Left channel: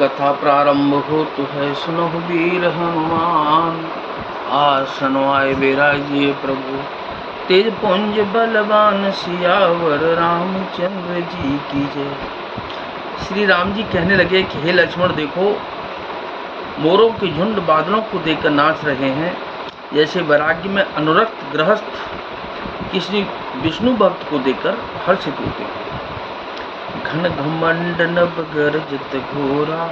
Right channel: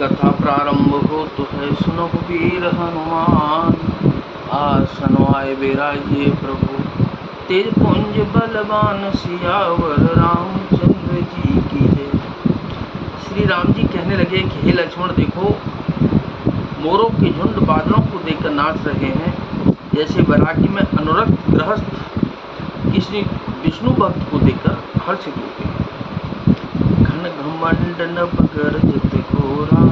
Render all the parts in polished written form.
कथा प्रारंभ हो तो है सुनो वीर हनुमान। आसन आए विराजिए प्रभु तेज पुंज बलवान सियावर रामचंद्र जी की जय। श्री राम जी कहने लगे कि हे लक्ष्मण, देखो मोरों के झुंड बादलों को देखकर नाच रहे हैं, जैसे वैराग्य में अनुरक्त गृहस्थ किसी विष्णु भक्त को देखकर हर्षित होते हैं। घन घमंड नभ गरजत घोरा,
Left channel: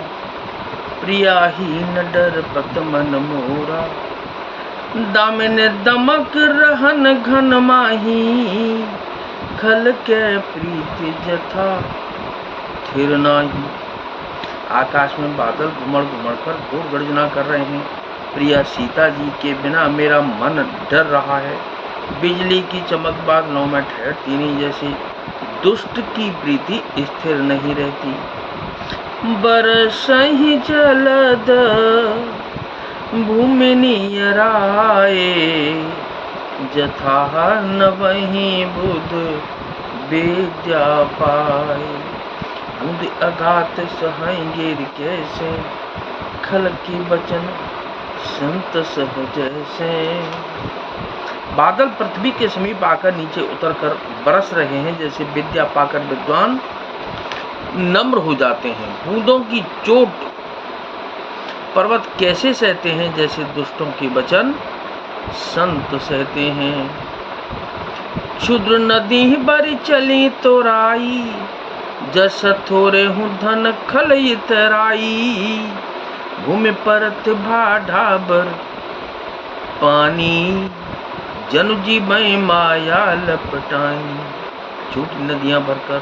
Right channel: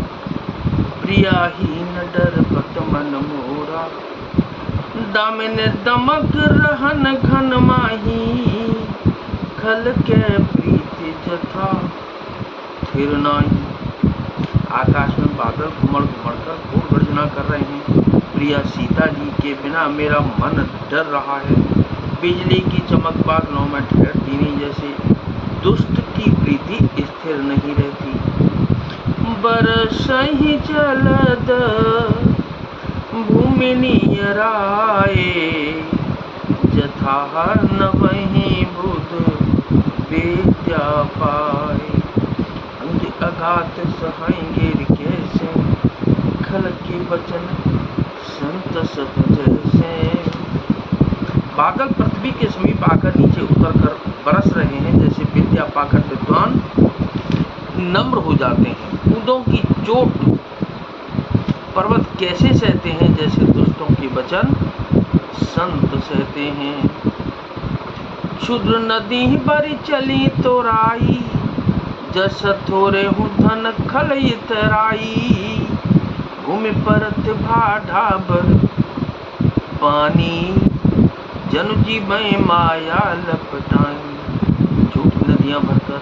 प्रियाहीन डर पत मन मोरा। दामिन दमक रहन घन माही, खल के प्रीति जथा थिर नाही। आकाश में बादल घुमड़ घुमड़ कर घोर गर्जना कर रहे हैं। प्रिया सीता जी के बिना मेरा मन डर रहा है। बिजली की चमक बादलों में ठहरती नहीं, जैसे दुष्ट की प्रीति स्थिर नहीं रहती। बरसहि जलद भूमि नियराए, जथा नवहि बुध विद्या पाए। बुद्धि अघात सहाएंगे कैसे, खल के वचन संत सहज से। बादल पृथ्वी के समीप आकर नीचे उतरकर बरस रहे हैं, जैसे विद्या पाकर विद्वान नम्र हो जाते हैं। बूंदों की चोट पर्वत कैसे सहते हैं, जैसे दुष्टों के वचन संत सहते हैं। क्षुद्र नदी बरी चली तो राई, जस थोरे हूँ धन खल इतराई। भूमि परत भाढ़ाबर पानी, जनु जी मैं माया लपटाई। छोटी नदियां भरकर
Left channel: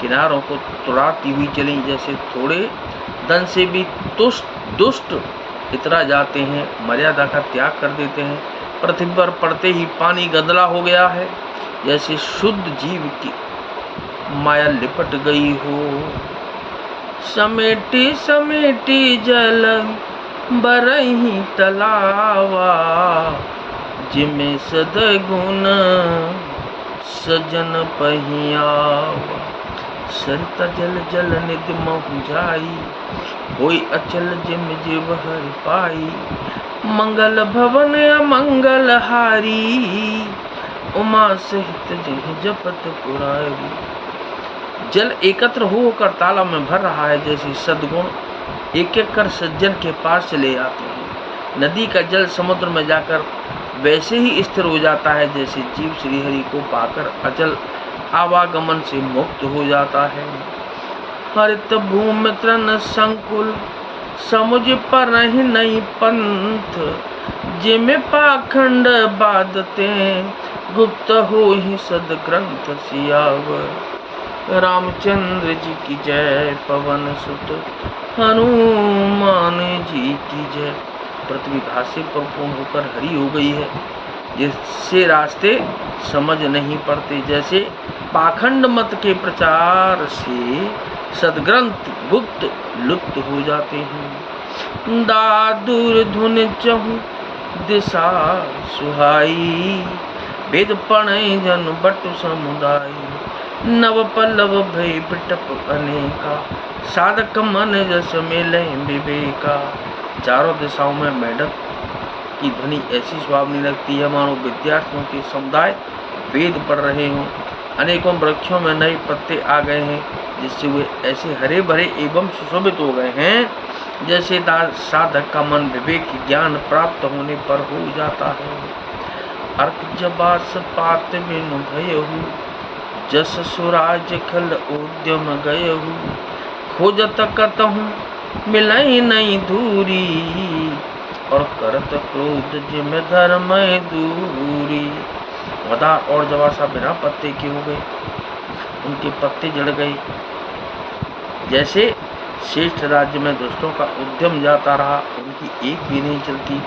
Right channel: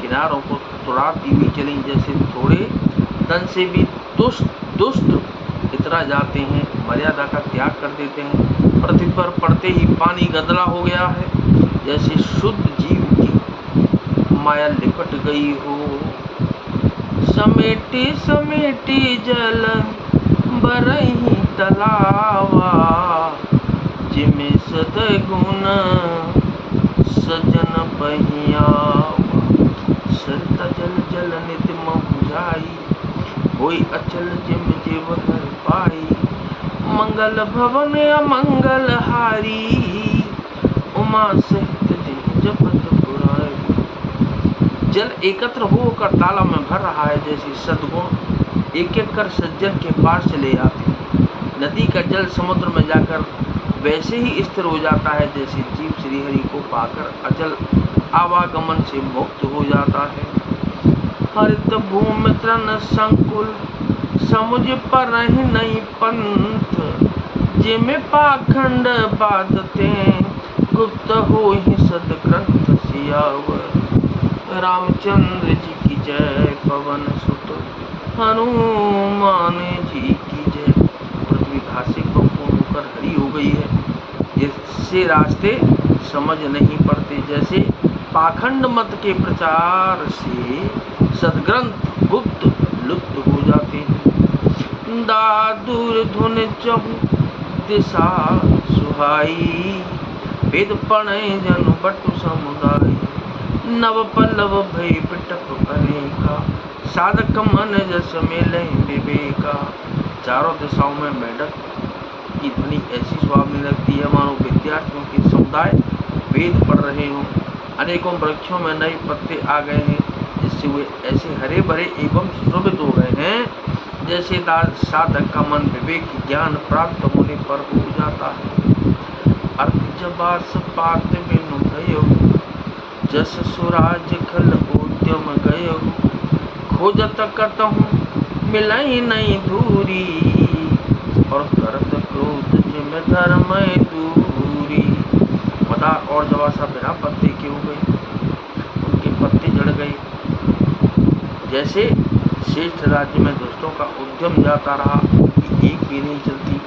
किनारों को तुड़ाती हुई चली, जैसे थोड़े धन से भी दुष्ट इतरा जाते हैं, मर्यादा का त्याग कर देते हैं। पृथ्वी पर पड़ते ही पानी गंदला हो गया है, जैसे शुद्ध जीव की माया लिपट गई हो। समेटी समेटी जल बरही तलावा, जिमे सदगुण सजन पहियावा। सरिता जल जल नित महु जाई, होई अचल जिम जिव हरि पाई। मंगल भवन अमंगल हारी, उमा सहित जिन जपत पुरारी। जल एकत्र होकर तालाब में भर रहा है, जैसे सद्गुण एक एक कर सज्जन के पास चले आते हैं। नदी का जल समुद्र में जाकर वैसे ही स्थिर हो जाता है, जैसे जीव श्री हरि को पाकर अचल आवागमन से मुक्त हो जाता है। हरित भूमि तृण संकुल, समुझ पर नहीं पंथ। जिमे पाखंड बाधते, गुप्त हो ही सदग्रंथ सियावर। रामचंद्र जी की जय, पवन सुत हनुमान जी की जय। पृथ्वी घास से परिपूर्ण होकर हरी हो गई है, जिससे रास्ते समझ नहीं पड़ते। जैसे पाखंड मत के प्रचार से सदग्रंथ गुप्त लुप्त हो जाते हैं। दादुर धुन चहु दिशा सुहाई, वेद पढ़े जन बटु समुदाय। नव पल्लव भय पिटप अनेका, साधक मन जस मेले विवेका। चारों दिशाओं में मेढक की ध्वनि ऐसी सुहावनी लगती है, मानो विद्यार्थियों के समुदाय वेद पढ़ रहे हों। अनेकों वृक्षों में नए पत्ते आ गए हैं, जिससे वे ऐसे हरे भरे एवं सुशोभित हो गए हैं, जैसे साधक का मन विवेक ज्ञान प्राप्त होने पर हो जाता है। अर्क जबास पात बिनु भयो, जस सुराज खल उद्यम गयो। खोजत कतहु मिलई नहीं दूरी, और करत क्रोध जिम धर्म दूरी। मदार और जवासा बिना पत्ते के हो गए, उनके पत्ते जड़ गए। जैसे श्रेष्ठ राज्य में दुष्टों का उद्यम जाता रहा, उनकी एक भी नहीं चलती,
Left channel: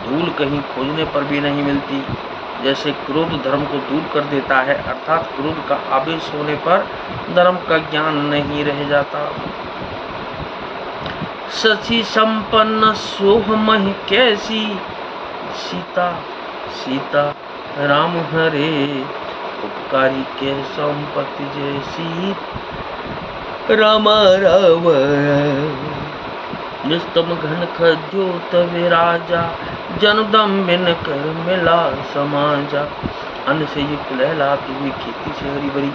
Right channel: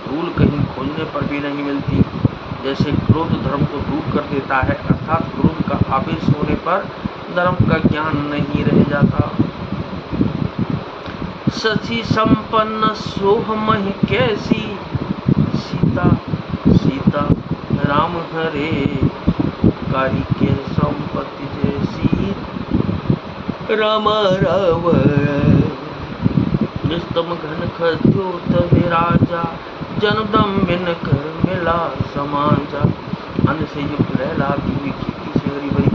धूल कहीं खोजने पर भी नहीं मिलती। जैसे क्रोध धर्म को दूर कर देता है, अर्थात क्रोध का आवेश होने पर धर्म का ज्ञान नहीं रह जाता। सची संपन्न सोहमहि कैसी, सीता सीता राम हरे। उपकारी के संपत्ति जैसी, रामा रावण निस्तम घन खद्योत विराजा, जनदम बिन कर मिला समाजा। अन्न से युक्त लहलाती हुई खेती से हरी भरी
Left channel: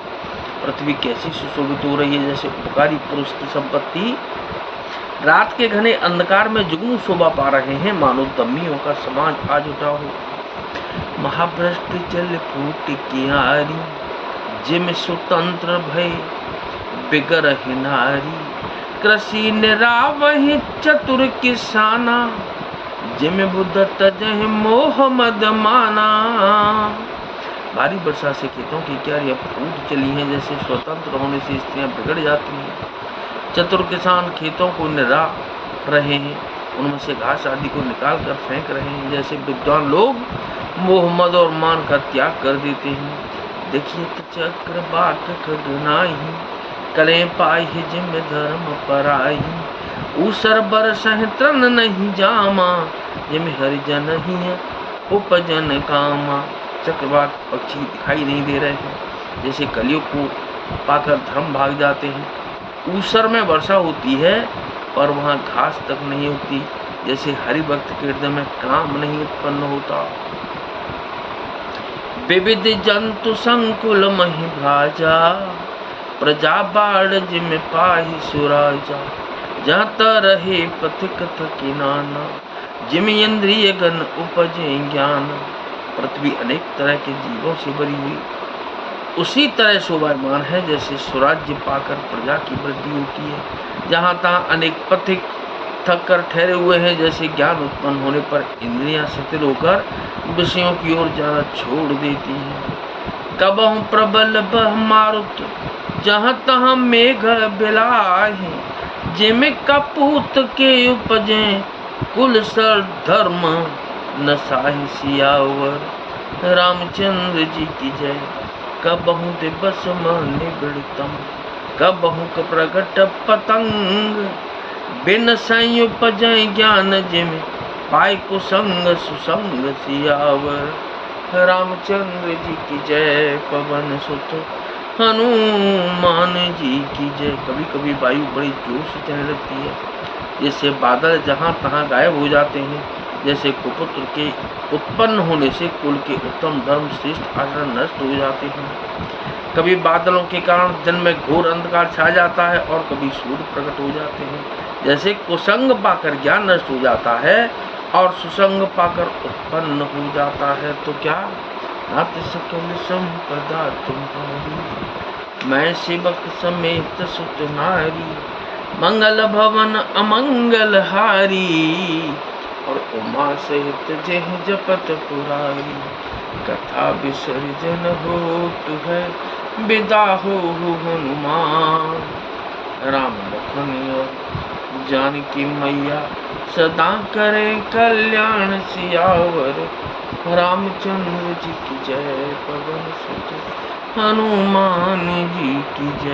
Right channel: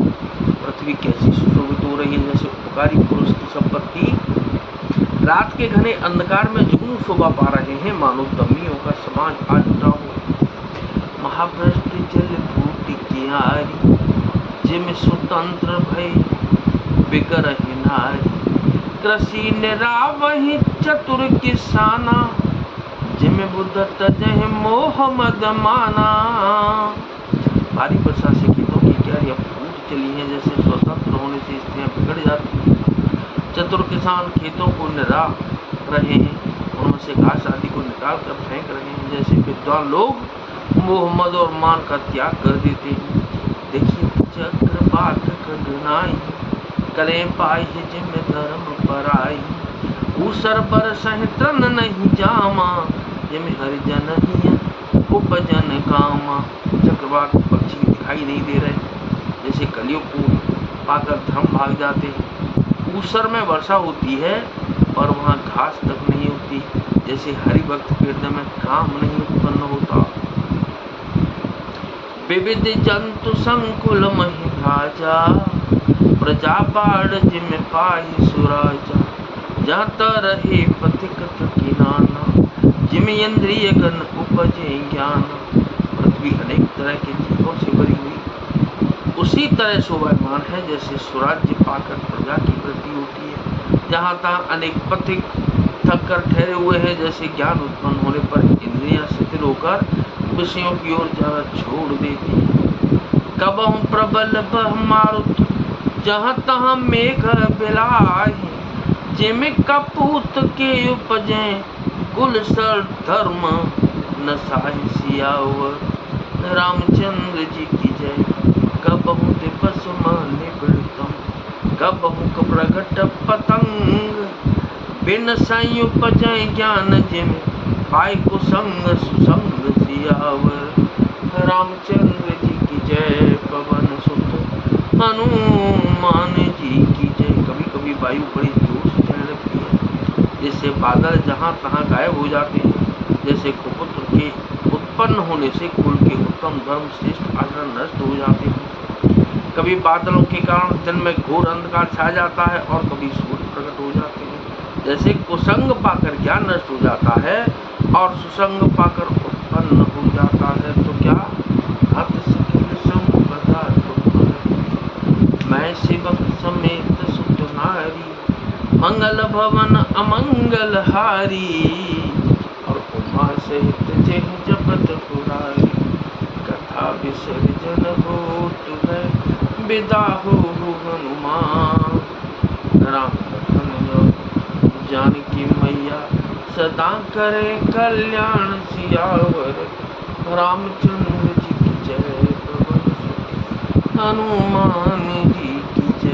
पृथ्वी कैसी सुशोभित हो रही है, जैसे उपकारी पुरुष की संपत्ति रात के घने अंधकार में जुगनू शोभा पा रहे हैं, मानो दम्मियों का समाज आज उठा हो। महाभ्रष्ट जल फूट कियारी, जिम स्वतंत्र भय बिकर नारी। कृषि निरावहि चतुर किसाना, जिम बुद्ध तजह मोह मद माना। भारी वर्षा से खेतों की क्यारियां फूट चली हैं, जैसे स्वतंत्र होने से स्त्रियां बिगड़ जाती हैं। चतुर किसान खेतों को निरा रहे हैं, उनमें से घास आदि को निकाल कर फेंक रहे हैं, जैसे विद्वान लोग मोह मद और मान का त्याग कर देते हैं। देखिए चक्र बाक गनाई, कले पाई जिम धर्म पराई। ऊसर बरस तन नहीं जामा, जिम हरिजन ही उपजन कामा। चक्रवाक पक्षी दिखाई नहीं दे रहे हैं, जैसे कलियों को पाकर धर्म भाग जाते हैं। ऊसर में वर्षा होती है और वहाँ घास तक नहीं होती, जैसे हरि भक्त के हृदय में काम नहीं उत्पन्न होता। विविध जंतु संकुल मही भ्राजा, प्रजा बाढ़ जिम पाहि सुराजा। जाता रहे पथिक थकी नाना, जिम इंद्रिय गण उपजे ज्ञान। पृथ्वी अनेक तरह के जीवों से भरी हुई उसी तरह शोभायमान है, जैसे स्वराज्य पाकर प्रजा की वृद्धि होती है। जहाँ तहाँ अनेक पथिक थक कर ठहरे हुए हैं, जैसे ज्ञान उत्पन्न होने पर इंद्रियां शिथिल होकर विषयों की ओर जाना छोड़ देती हैं। कबहु प्रबल बह मारुत, जहाँ तहाँ मेघ बिलाहि। जिम कपूत के उपजे, कुल सर धर्म न साहि सियावर। रामचंद्र जी की जय। कबहु दिवस निवृतम, कबहु प्रगट पतंग। बिन संयुपजय ज्ञान, जिम पाई कुसंग सुसंग सियावर। रामचंद्र जी की जय, पवन सुत हनुमान जी की जय। कभी कभी वायु बड़ी जोर से चलने लगती है, जैसे बादल जहाँ तहाँ गायब हो जाते हैं। जैसे कुपुत्र के उत्पन्न होने से कुल के उत्तम धर्म श्रेष्ठ आचरण नष्ट हो जाते हैं। कभी बादलों के कारण दिन में घोर अंधकार छा जाता है और कभी सूर्य प्रकट हो जाते हैं। जैसे कुसंग पाकर ज्ञान नष्ट हो जाता है और सुसंग पाकर उत्पन्न हो जाता है, तो क्या हाथ सकल संपदा तुम्हारी। मैं शिवक समेत सुत नारी, मंगल भवन अमंगल हारी। और उमा सहित जेह जपत पुरारी, कथा विसर्जन हो तु है विदा हो हनुमान। राम लखन जानकी मैया, सदा करे कल्याण सियावर। रामचंद्र जी की जय, पवन सुत हनुमान जी की जय।